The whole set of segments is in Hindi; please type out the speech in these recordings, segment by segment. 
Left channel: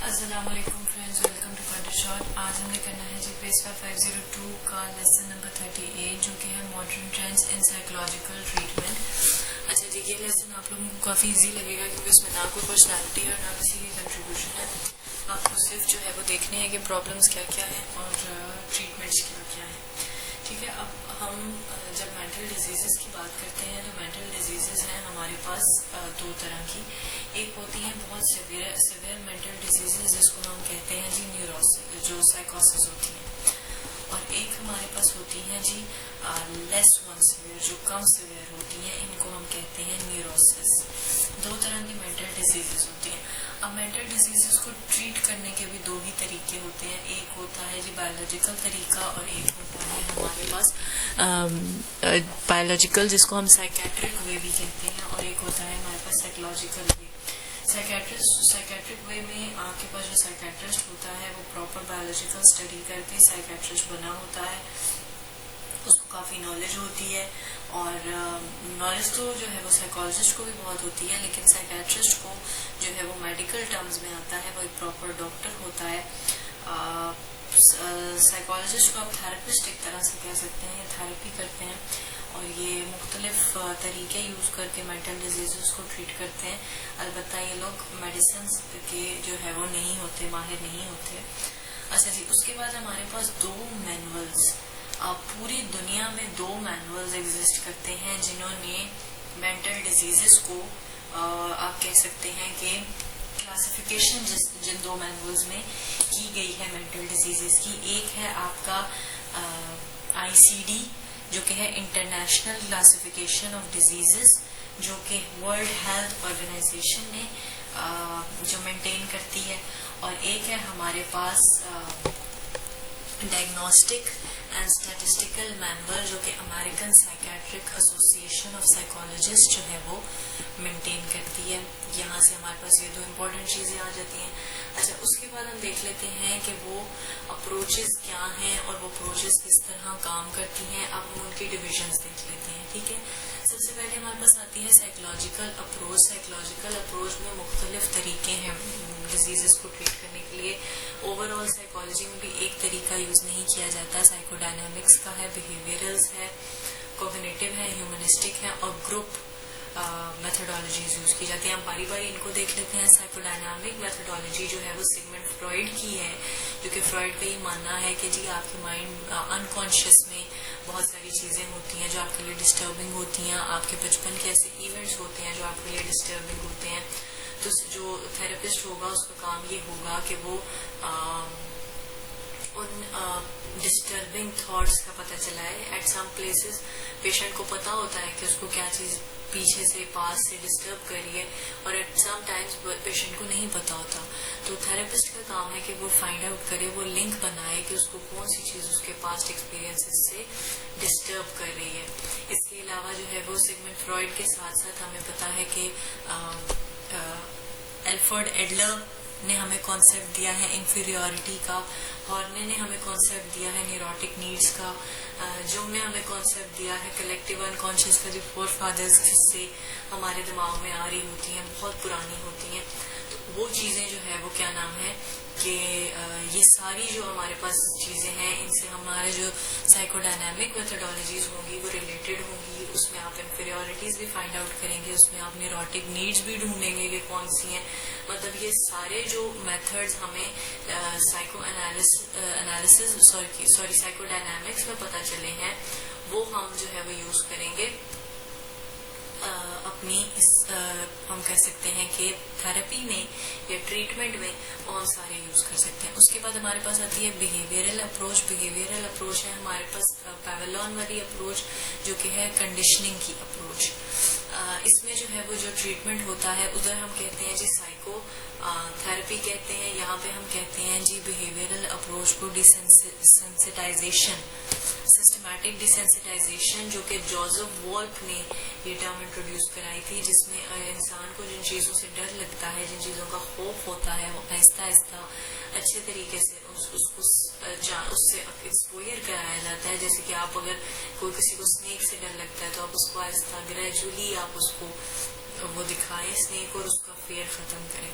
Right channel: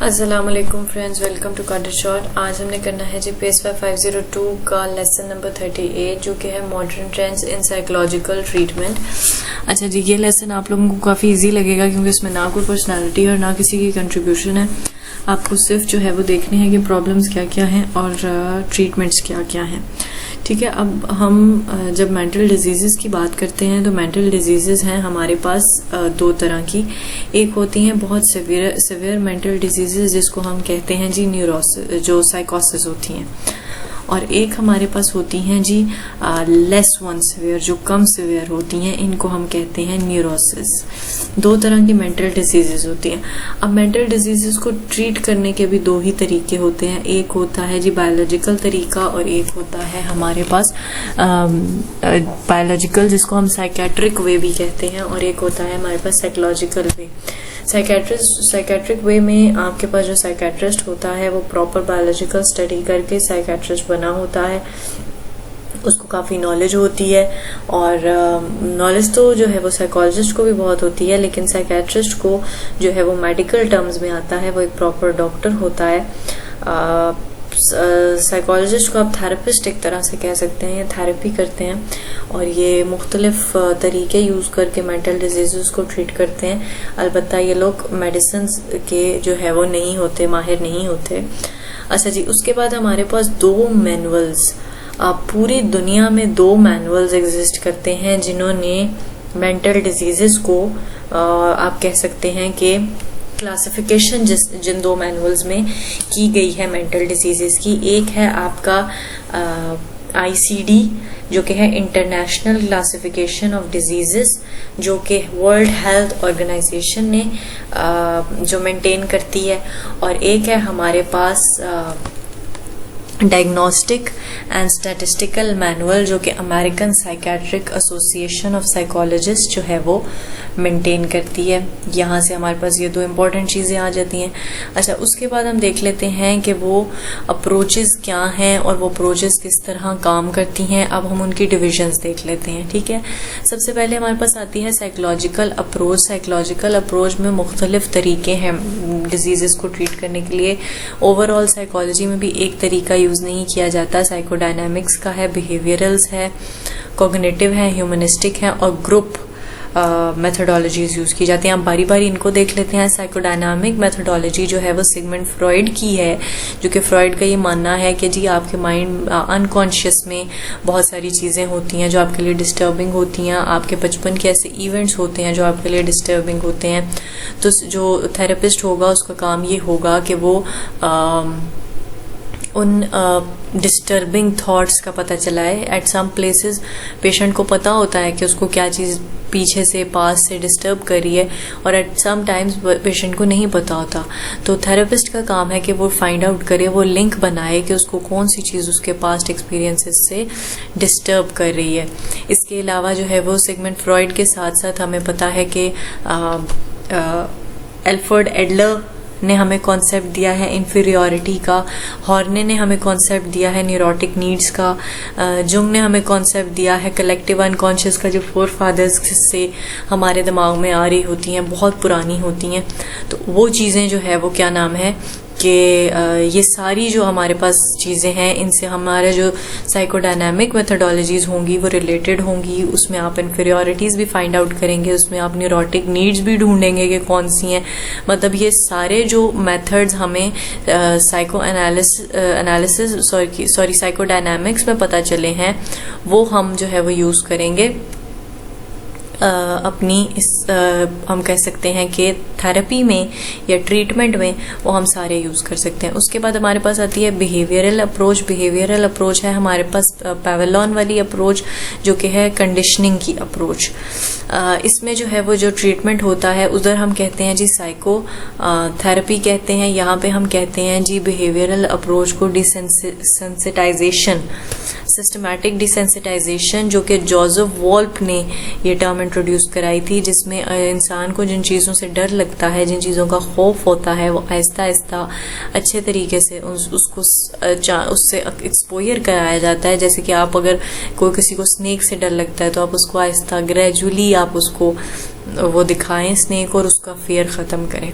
अस्सलाम वालेकुम friends, welcome to card shot. आज हमने करना है जी पेज 502 का लेसन नंबर 38 जो कि है modern trends in psychological treatment. अच्छा जी, ये लेसन आप लोगों को काफ़ी इजी लगेगा क्योंकि इसमें ना कोई पर्सनालिटी और ना किसी की कंट्रीब्यूशन है। आपको सिर्फ जो है वो देखने हैं कि प्रॉब्लम्स क्या क्या हैं और ट्रीटमेंट्स क्या क्या हैं। ठीक है, अब हम जब मेंटल डिजीजेस की बात करते हैं तो मेंटल डिजीजेस हैं हमारे पास दो तरह की। एक होती हैं बहुत सिवियर मेंटल डिजीजेस जिसको हम कहते हैं जी न्यूरोसिस, जो साइकोसिस होती हैं, और एक हमारे पास होती हैं जी लेस वन सिवियर, जो कम सिवियर होती हैं, इनको हम कहते हैं न्यूरोसिस। दो तरह की मेंटल डिजीजेस होती हैं। अब मेंटल डिजीजेस को ट्रीट करने के भी दो ही तरीके होते हैं। एक होता है जी बायोलॉजिकल तरीका और एक होता है हमारे पास बायोलॉजिकल जिसको हम साइकेट्रिक वे भी कहते हैं, और एक होता है हमारे पास साइकोलॉजिकल वे। साइकेट्रिक वे में आपके पास जो साइकेट्रिस्ट होता है वो प्रॉपर बायोलॉजिकल स्टडी करके साइकेट्रिस्ट बना होता है, उसको काफ़ी नॉलेज होती है, और नॉलेज तो जो है वो साइकोलॉजिस्ट को भी बहुत होती है, लेकिन साइकेट्रिस्ट को जो है वो मेडिकल टर्म्स में आता है, वो एक प्रॉपर डॉक्टर होता है। साइकोलॉजिस्ट को आप थेरेपिस्ट एक तरह से कह सकते हैं, थेरेपी करते हैं और ये मुख्तलिफ तरीके यूज़ करके मेंटल डिजीज़ को ट्रीट करते हैं। अलबत्ता ये लोग मेडिसिन के जो है वो नहीं होते, माहिर नहीं होते। अच्छा जी, उसके बाद हमारे पास दो मैनुअल्स, पूरी दुनिया में दो मैनुअल्स एग्जिस्ट करते हैं जिन्होंने मेंटल डिजीजेस को आप कह सकते हैं कि क्लासिफिकेशन जिन दो मैनुअल्स में की गई है मेंटल डिजीजेस की। एक है आपका ICD जो कि है इंटरनेशनल क्लासिफिकेशन ऑफ डिजीजेस, जो कि वर्ल्ड हेल्थ ऑर्गेनाइजेशन ने जो मेंटेन करती है, और एक है हमारे पास डायग्नोस्टिक एंड स्टैटिस्टिकल मैनुअल जो कि American psychiatric association of psychologist जो है वो मेंटेन करती है। यहाँ से हमारे पास ये दो इम्पोर्टेंट चीज़ें आ जाती हैं। अच्छा, उसके बाद हम देख लेते हैं कि वो अप्रोचेस क्या हैं और वो अप्रोचेस किस तरह काम करती हैं। अब हम उनकी डिविजन्स देख लेते हैं। ठीक है, सबसे पहले हमारे पास आती है साइकोलॉजिकल अप्रोच। साइकोलॉजिकल अप्रोच में मुख्तलिफ तरीके हैं डिजीज़ को ट्रीट करने के लिए। ओवरऑल साइकोलॉजी में भी एक तरीका यूज़ नहीं किया जाता। साइकोडायनामिक्स का है, बिहेवियरल्स है, कॉग्निटिव है, ह्यूमनिस्टिक है, और ग्रुप मेथोडोलॉजीज यूज की जाती हैं। हम बारी बारी इनको देख लेते हैं। साइकोडायनामिक मेथोडोलॉजी जो है वो सिगमंड फ्रॉइड की है, जो कि फ्रॉइड का ये मानना है कि जी आपके माइंड अनकॉन्शियस में बहुत सारी चीज़ें होती हैं जो आपके लिए डिस्टर्बिंग होती हैं। आपके बचपन के ऐसे इवेंट्स होते हैं जो आपके लिए डिस्टर्बिंग होते हैं। तो जो थेरेपिस्ट होगा उसका काम ये होगा कि वो उन डिस्टर्बिंग थॉट्स का पता चलाए। एट सम प्लेसेस पेशेंट को पता होता है कि उसको क्या चीज़ पीछे से, पास से डिस्टर्ब कर रही है, और एट सम टाइम्स पेशेंट को नहीं पता होता। तो थेरेपिस्ट का काम है कि वो फाइंड आउट करे, वो लिंक बनाए कि उसको कौन सी चीज़ उसके पास्ट एक्सपीरियंसेस से डिस्टर्ब कर रही है। इसके अलावा जो है वो सिगमंड फ्रॉइड के साथ साथ हमें पता है कि एल्फ्रेड एडलर ने हमें कॉन्सेप्ट दिया है इन्फीरियोरिटी का, हॉर्ने ने हमें कॉन्सेप्ट दिया है न्यूरोटिक नीड्स का, जुंग ने हमें कॉन्सेप्ट दिया है कलेक्टिव अनकॉन्शियस का, जो फोर फादर्स से हमारे दिमाग में आ रही होती हैं, बहुत पुरानी होती हैं। तो वो चीज़ें जो है वो क्या नाम है कि ये सारी जो हमारे पास चीज़ें हैं इनसे हमारे जो साइकोडायनामिक मेथोडोलॉजीज होंगी वो रिलेटेड होंगी। उसमें आप इन्फीरियोरिटीज़ भी फाइंड आउट करेंगे, उसमें आप न्यूरोटिक नीड्स भी ढूंढेंगे कि कौन सी हैं। मतलब ये सारे जो मेथड्स हमें साइकोडायनामिक्स में पता चले हैं वो हम जो है वो यूज़ करेंगे अपनी हम कह सकते हैं कि थेरेपी में या ट्रीटमेंट में, वो हम सारे यूज़ कर सकते हैं। उसके बाद हमारे पास आती है बिहेवियरल अप्रोच। बिहेवियरल अप्रोच है हमारे पास पैवेलॉन वाली अप्रोच जो कि है कंडीशनिंग की अप्रोच। इसमें जो है वो जो ट्रीटमेंट होता है उधर हम कहते हैं जी साइको थेरेपी कहते हैं, यहाँ पे हम कहते हैं जी बिहेवियरल अप्रोच को डिसेंसिटाइजेशन, सिस्टमैटिक डिसेंसिटाइजेशन, जो कि जोसेफ वॉल्फ ने ये टर्म इंट्रोड्यूस कराई थी, जिसमें इंसान को जिन चीज़ों से डर लगता है, जिन चीज़ों का खौफ होता है, वो आहिस्ता आहिस्ता अच्छे तरीके से उसको उससे एक्सपोजर कराया जाता है। जैसे कि आप अगर कोई किसी को स्नेक से डर लगता है तो आप उसको आहिस्ता ग्रेजुअली आप उसको वो दिखाएं स्नेक और उसका फियर ख़त्म करें।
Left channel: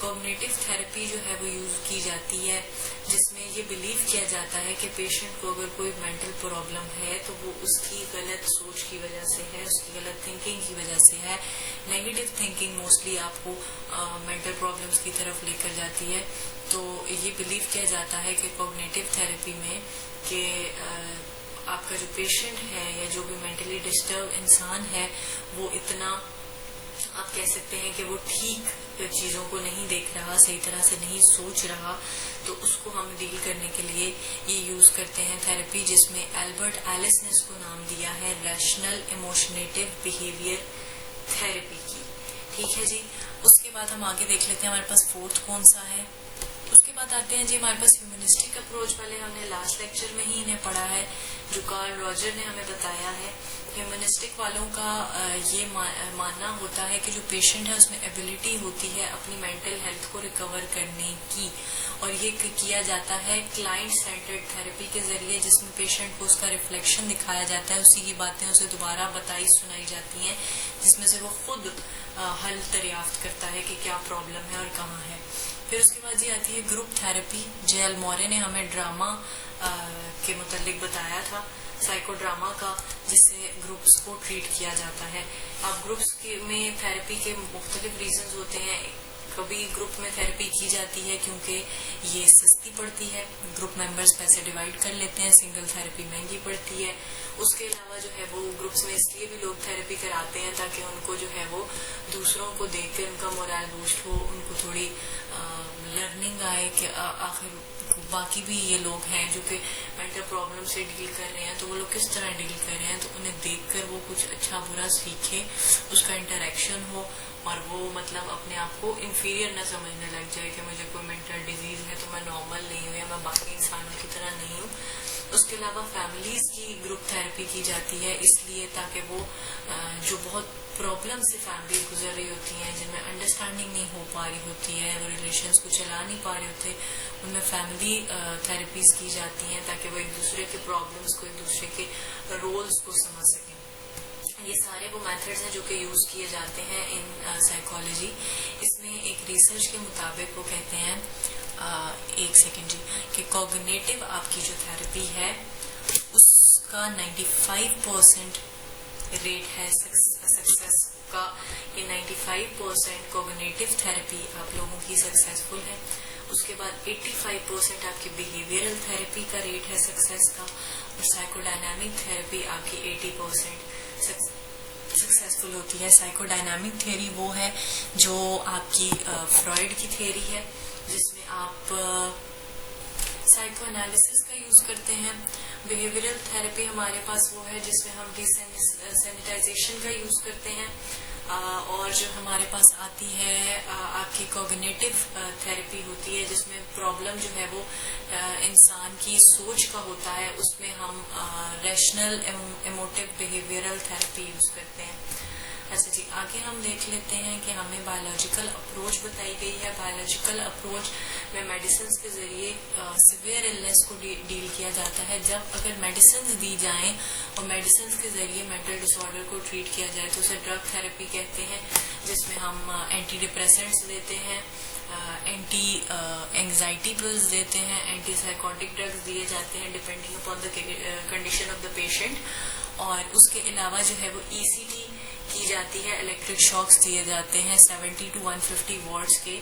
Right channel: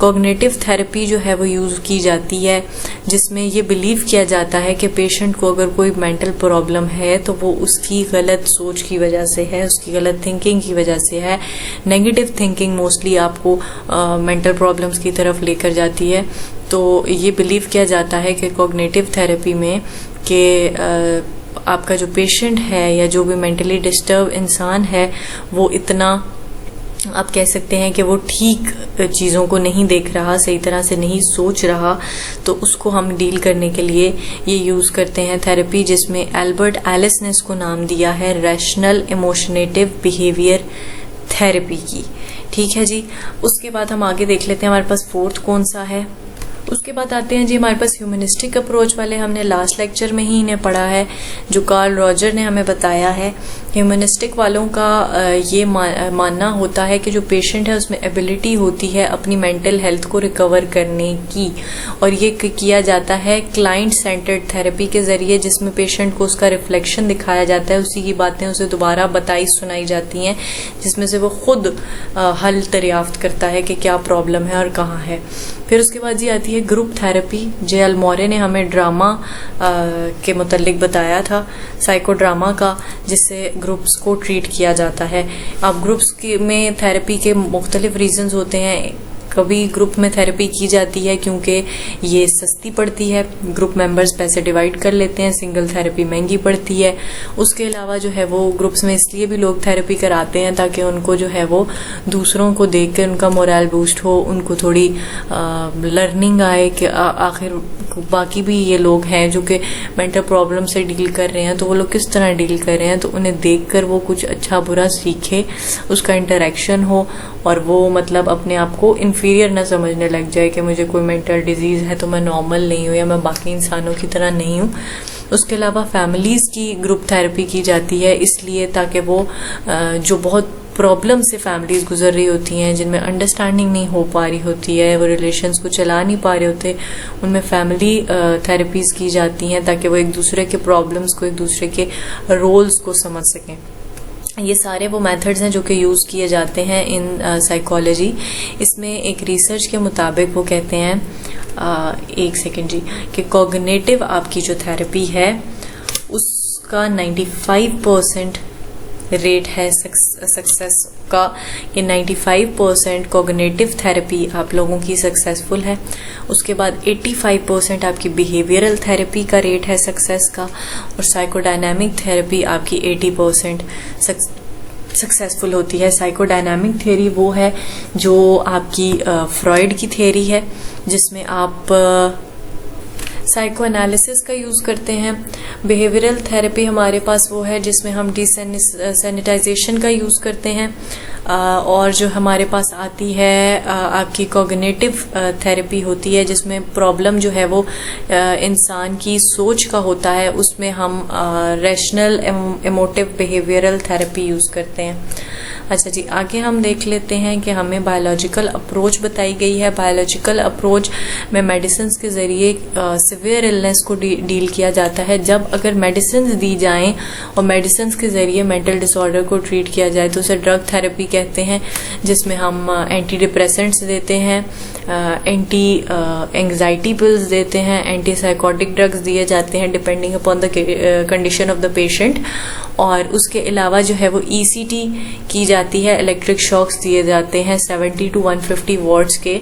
कॉग्निटिव थेरेपी जो है वो यूज की जाती है, जिसमें ये बिलीव किया जाता है कि पेशेंट को अगर कोई मेंटल प्रॉब्लम है तो वो उसकी गलत सोच की वजह से है, उसकी गलत थिंकिंग की वजह से है। नेगेटिव थिंकिंग मोस्टली आपको मेंटल प्रॉब्लम्स की तरफ लेकर जाती है। तो ये बिलीव किया जाता है कि कॉग्निटिव थेरेपी में कि आपका जो पेशेंट है या जो भी मेंटली डिस्टर्ब इंसान है वो इतना, आप कह सकते हैं कि वो ठीक चीज़ों को नहीं देख रहा, सही तरह से नहीं सोच रहा, तो उसको हम डील करने के लिए ये यूज़ करते हैं थेरेपी, जिसमें एल्बर्ट एलिस ने इसको नाम दिया है रैशनल इमोशनेटिव बिहेवियर थेरेपी की। ठीक है जी। उसके बाद हम आगे देख लेते हैं हमारे पास फोर्थ कौन सा है। उसके बाद आते हैं जी हमारे पास ह्यूमनिस्टिक अप्रोच वाले, हमने लास्ट लेक्चर में ही इन्हें पढ़ा है, जो कार्ल रॉजर ने हमें बताया है। ह्यूमनिस्टिक वालों का ये मानना होता है कि जो पेशेंट है उसमें एबिलिटी होती है अपनी मेंटल हेल्थ को रिकवर करने की, और ये किया जाता है क्लाइंट सेंटर्ड थेरेपी के जरिए, जिसमें पेशेंट को उसका रिफ्लेक्शन दिखाया जाता है, उसी की बातें उसे दोबारा बताई सुनाई जाती हैं, जिसमें से वो खुद हल दरियाफ्त करता है कि क्या प्रॉब्लम है और कहाँ है। फिर उसके बाद जी आती है ग्रुप थेरेपी। जे एल मोरे ने हमें ड्रामा के मुतल्लिक बताया था, साइको ड्रामा का, जिससे ग्रुप्स को ट्रीट किया जाता है। अब ग्रुप्स में थेरेपी के मुख्तलिफ रीजंस होते हैं। कभी ग्रुप में थेरेपी की जाती है क्योंकि ये सस्ती पड़ती है, ग्रुप मेंबर्स पैसे डिवाइड कर लेते हैं, सिंगल थेरेपी महंगी पड़ती है। उसके अलावा जो है वो ग्रुप्स में इसलिए भी लोग थेरेपी कराते हैं ताकि उनको जो है वो दूसरों को देख कर उनका मोरल बूस्ट हो, उनको थोड़ी लर्निंग आए कि आखिर बाकी भी ये लोग हैं जो कि मेंटल प्रॉब्लम से डील कर रहे हैं, तो वो लोग किस तरह डील कर रहे हैं, तो उन्हें देखकर वो कुछ अच्छा बुरा सीखे, उसका इंटरेक्शन हो, और वो मतलब अपने आप को इन्फीरियर ना समझने लग जाए कि मुझे कोई मेंटल डिजीज है तो मैं नॉर्मल नहीं हूँ या मैं बाकी इंसानों की तरह नहीं हूँ। उसके अलावा फैमिलीज की ग्रुप थेरेपी की जाती है, इसलिए ताकि वो जो बहुत प्रॉब्लम से फैमिलीज गुजर रही होती हैं, जिनमें अंडरस्टैंडिंग नहीं हो पा रही होती है, वो रिलेशंस को चला नहीं पा रहे होते, उनमें फैमिली थेरेपीज की जाती हैं ताकि वो एक दूसरे के प्रॉब्लम्स को, एक दूसरे के रोल्स को समझ सकें। ये सारे वो मेथड्स हैं जो कि यूज़ किए जाते हैं इन साइकोलॉजी। इसमें एक रिसर्च के मुताबिक वो कहते हैं एक सेकेंड जी, कि कॉग्निटिव आपकी जो थेरेपी है उसका 95% रेट है सक्सेस का। ये 95% कॉग्निटिव थेरेपी आप लोगों की सक्सेसफुल है। उसके बाद 85% आपकी बिहेवियरल थेरेपी का रेट है सक्सेस का, और साइकोडायनामिक थेरेपी आपकी 80% सक्सेसफुल होती है। साइकोडायनामिक थ्योरी वो है जो आपकी फ्रॉइड की थ्योरी है, जिसमें आप साइको एनालिसिस का यूज करते हैं। बिहेवियरल थेरेपी हमारे पास वो है जिसमें हम डिसैनिटाइजेशन का यूज करते हैं, और जो हमारे पास आती है आपकी कॉग्निटिव थेरेपी होती है, जिसमें प्रॉब्लम जो है वो इंसान की सोच का होता है, उसमें हम rational emotive behavioural therapy use करते हैं। अच्छा जी, आगे हम देख लेते हैं कि हमें बायोलॉजिकल अप्रोच बताई गई है। बायोलॉजिकल अप्रोच में मेडिसिन के जरिए सिवियर इलनेस को डील किया जाता है। जब अगर मेडिसिन दी जाएं और मेडिसिन के जरिए मेंटल डिसऑर्डर को ट्रीट किया जाए तो उसे ड्रग थेरेपी कहते हैं, जिसमें हम एंटी डिप्रेसेंट्स देते हैं, एंटी एंग्जाइटी पिल्स देते हैं, एंटी साइकोटिक ड्रग्स दिए जाते हैं depending upon the condition of the patient. और उसके अलावा जो है वो ECT की जाती है, इलेक्ट्रिक शॉक्स दिए जाते हैं 70 to 150 वॉट्स के,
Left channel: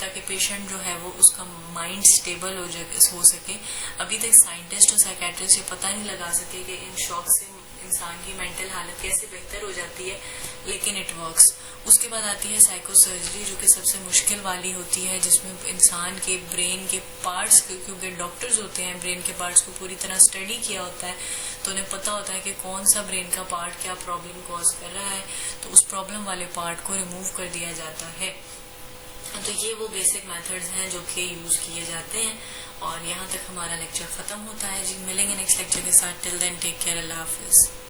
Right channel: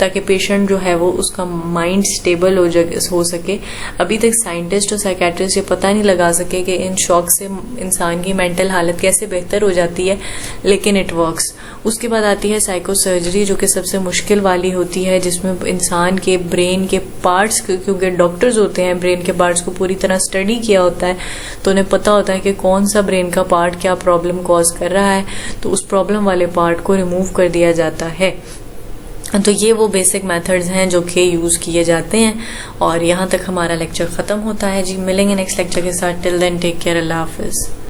ताकि पेशेंट जो है वो उसका माइंड स्टेबल हो सके। अभी तक साइंटिस्ट और साइकेट्रिस्ट ये पता नहीं लगा सके कि इन शॉक से इंसान की मेंटल हालत कैसे बेहतर हो जाती है, लेकिन इट वर्क्स। उसके बाद आती है साइको सर्जरी, जो कि सबसे मुश्किल वाली होती है, जिसमें इंसान के ब्रेन के पार्ट्स, क्योंकि डॉक्टर्स होते हैं ब्रेन के पार्ट्स को पूरी तरह स्टडी किया होता है, तो उन्हें पता होता है कि कौन सा ब्रेन का पार्ट क्या प्रॉब्लम कॉज कर रहा है, तो उस प्रॉब्लम वाले पार्ट को रिमूव कर दिया जाता है। तो ये वो बेसिक मेथड्स हैं जो कि यूज किए जाते हैं। और यहाँ तक हमारा लेक्चर खत्म होता है जी। मिलेंगे नेक्स्ट लेक्चर के साथ। टिल देन टेक केयर, अल्लाह हाफिज।